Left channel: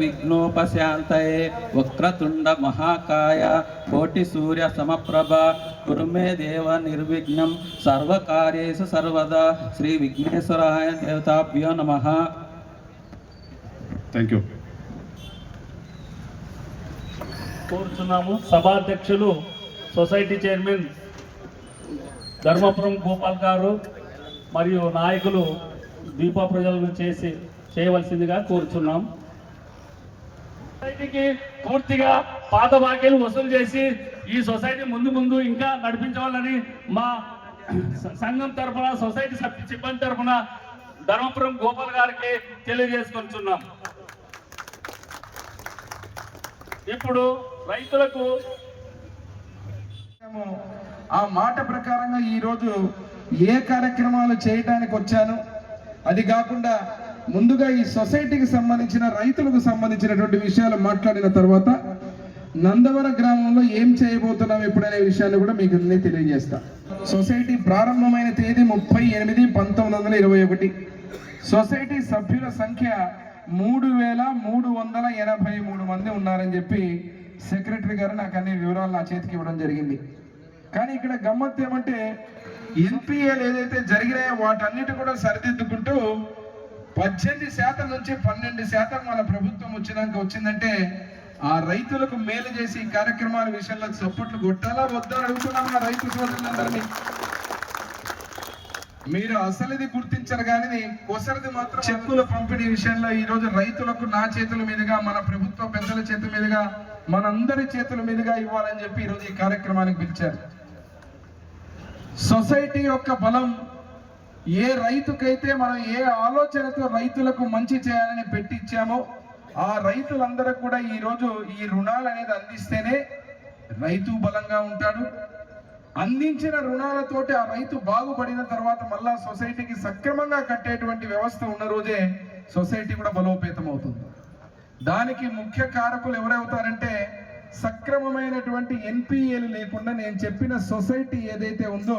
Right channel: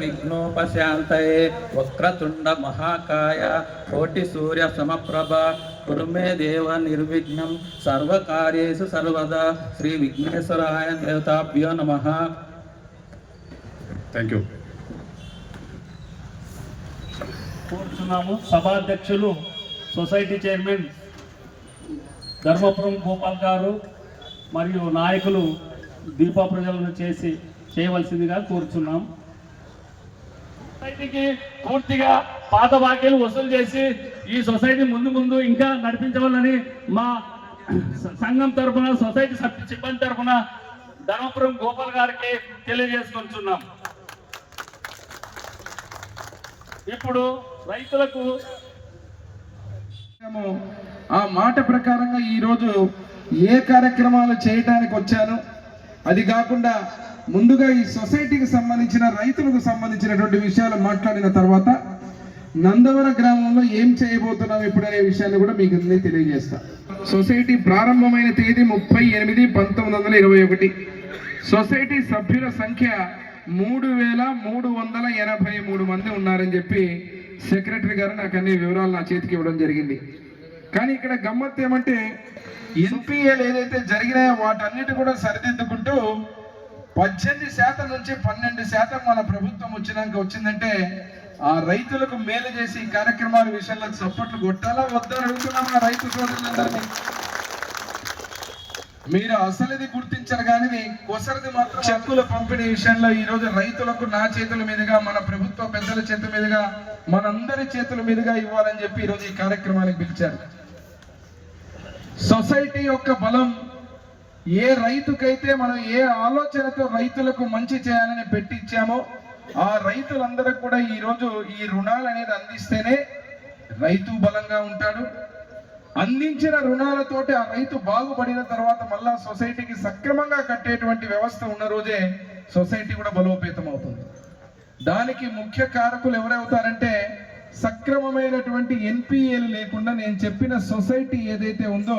విఘ్నోపశాంతయే వక్రతుండ మహాకాయ కోటి సూర్య సమప్రభ. కురుమే దేవ నిర్విఘ్నం సర్వకార్యేషు సర్వదా. శ్రీ విఘ్నేశ్వరాయ దేవతాభ్యో నమః. థ్యాంక్ యూ కోరుతున్నాము సభాధ్యక్షులు సొసైటీ చైర్మన్ ధర్మపురం గోపాల్ గారు మరియు నాయకులు దీపా ప్రజలను చేసి చేయవలసిందిగా కోరుచున్నాం. సొసైటీకి పూర్తిగా పాత బాకీలు వసూలు చేసి ఈ సొసైటీ ముందు ముందు ఇంకా నడిపించవాలని మా సంఘం తరఫున సొసైటీ సభ్యు సిబ్బంది తరఫున ధర్మపురం గోపాల్ గారికి తెలియజేసుకుంటున్నాం. ఇప్పుడు రైతులకు మేము ఆ మాట ప్రకారంగా ఈరోజు ఏ కార్యక్రమాలు చేయడానికి వచ్చాను? అది కాకుండా ముందుగా ఈ సొసైటీకి సంబంధించిన రైతులకు సంబంధించినటువంటి విషయాలు మాట్లాడిన తర్వాత నందవర గ్రామంలో ఏం చేయబోతున్నాం ఇప్పుడనే విషయాలు కూడా మీకు తెలియజేస్తా. సొసైటీ ప్రారంభమైన తేదీ ముప్పై ఎనిమిది పంతొమ్మిది వందల ఇరవై ఒకటి. సొసైటీ సభ్యుల సంఖ్య మూడు వేల మూడు వందల ఎనభై మూడు మంది ఉన్నారని చెప్పి సెక్రటరీ గారు నాకు అన్ని వివరాలు నా చేతికి ఇవ్వడం జరిగింది. కానీ ఇక్కడ గమ్మత్ ఏమంటే ఎన్పిఎల్ ఏదైతే జరిగినాయో వాటన్నిటి కూడా సరిదిద్దుకుంటూ పద్దెనిమిది శాతం నుంచి పన్నెండు శాతం మన ప్రభుత్వం వచ్చినాక వచ్చిందంటే ఆ రైతులకు మేలు చేసి ఈ కార్యక్రమాల విషయంలో సపోర్ట్లు కొట్టాలా వద్దని అడుగుతున్నాం ఆ రైతు సోదరులందరినీ. మీరు అసలుది గుర్తించరు కానీ కొసరిది మాత్రం చెక్కుల పంపిణీ విషయంలో ఈ రోజు రైతులకు నా చేతుల మీదుగా మన ప్రభుత్వ పెద్దల చేతుల మీదుగా మనందరి చేతుల మీదుగా ఇవ్వాలని చెప్పి ఈ రోజు ఈ కార్యక్రమానికి పిలిచారు. సొసైటీ యొక్క బలం ఏ రైతుకైతే మనం ఏ ఆలోచనతో రైతులకు మంచి చేయాలని పెట్టించామో ఆ రైతులందరూ కూడా ఈరోజు ఈ రుణాలు అనేది అందిస్తేనే రైతు బలంగా ఉంటాడు. అందించిన రుణాలతోటి ఆ రైతు బాగుపడిన తర్వాత మళ్ళా సొసైటీకి సక్రమంగా కట్టేటువంటి వ్యవస్థ ఉన్న రోజే సొసైటీ కూడా బలోపేతం అవుతుంది దానికి ముఖ్య కారకులు ఎవరవుతారంటే సక్రమమైనటువంటి ఎన్పిఎల్ లేకుండా నేను చెప్పిన సొసైటీ ఏదైతే ఉందో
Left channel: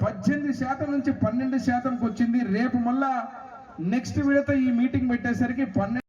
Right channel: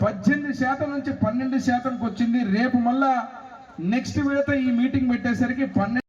పద్దెనిమిది శాతం నుంచి పన్నెండు శాతంకి వచ్చింది రేపు మళ్ళా నెక్స్ట్ విడత ఈ మీటింగ్ పెట్టేసరికి పన్నెండు